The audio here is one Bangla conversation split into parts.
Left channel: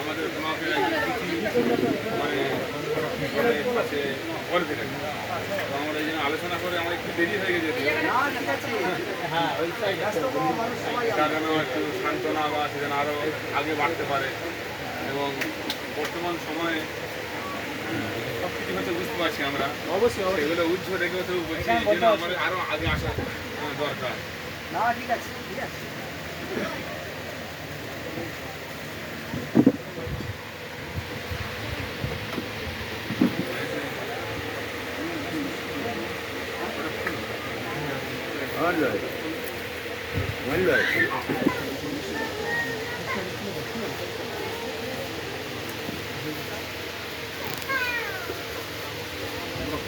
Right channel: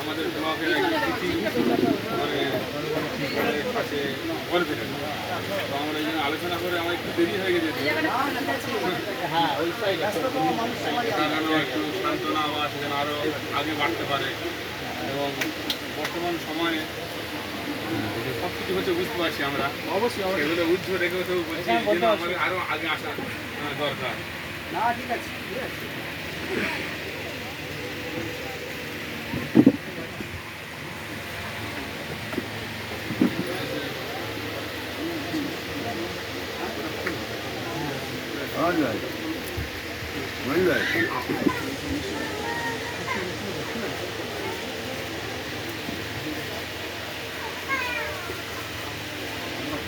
আমাদের ব্লকের আছে গল্পটা তো আমরা এই জন্য আলোচনা করে আমার একটু দেরি হয়ে গেছে এটা যেন একটু সান্ত্বনা বা সেখানে আরও আগে বাড়তে পারে এবং বর্তমান সময়ে সব কিছু হচ্ছে বুঝতে পারছি আমরা অবশ্যই এগুলো উৎস দেখে বলছি আমাদের আরও আগে আসা দরকার না ঠিক আছে ঠিক আছে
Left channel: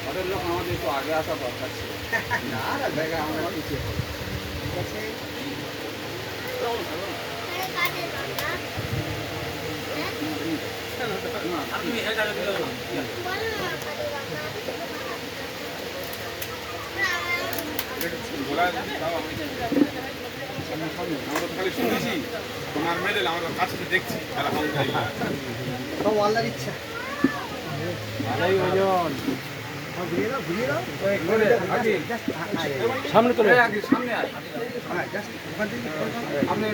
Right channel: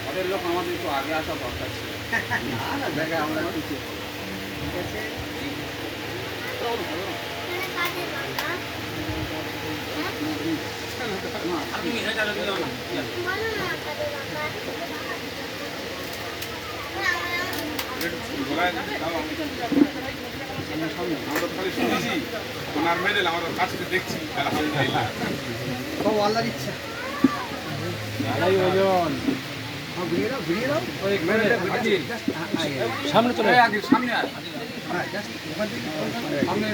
ঘরের লোক আমাদের একটু আগে আসা দরকার ছিল না না জায়গায় আমরা কিছু ঠিক আছে আমরা তো খালি শুনেছি ওনার মেডেল আমরা কাছে দেখছি আলহামদুলিল্লাহ সব আল্লাহর ইচ্ছা সামনে চলে সামনে আয় সামনে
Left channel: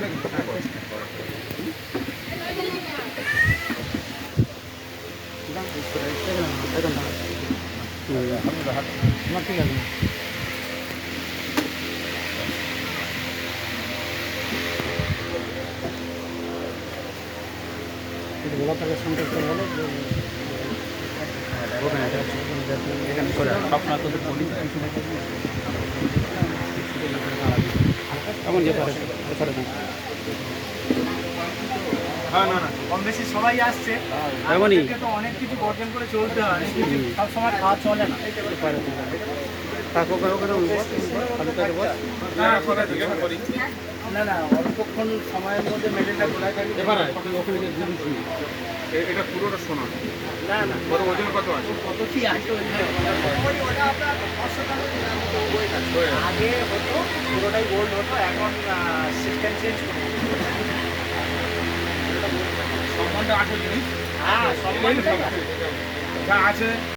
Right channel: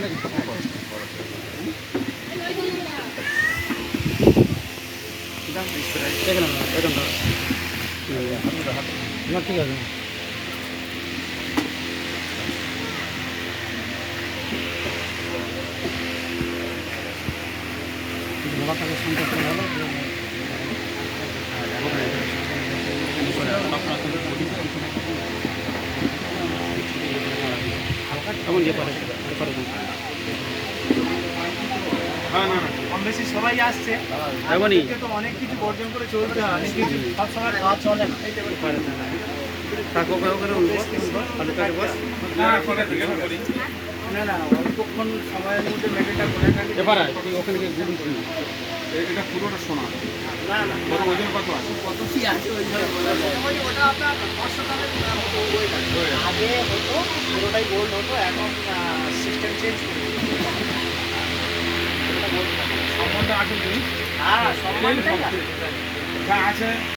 ঠিক আছে কম বেশি সবাই আসছে তো অনেক কিছু বর্জন করে চলতে হয় সব সময় খাওয়া চলে না না না অল্পক্ষণ সময়ের মধ্যে মেডেলটা গোড়ায় ওখানে এটা পুরোটা শোনা না না কত ওজন কত আছে কত কি আছে ওটা আপনার 500 গ্রামের মতো ওয়েট আছে আগে হতো পুরোটাই গোল্ড হতো এখন সিস্টেম চেঞ্জ করে সম্বন্ধে আছে জিনিস হ্যাঁ সম্বন্ধে আছে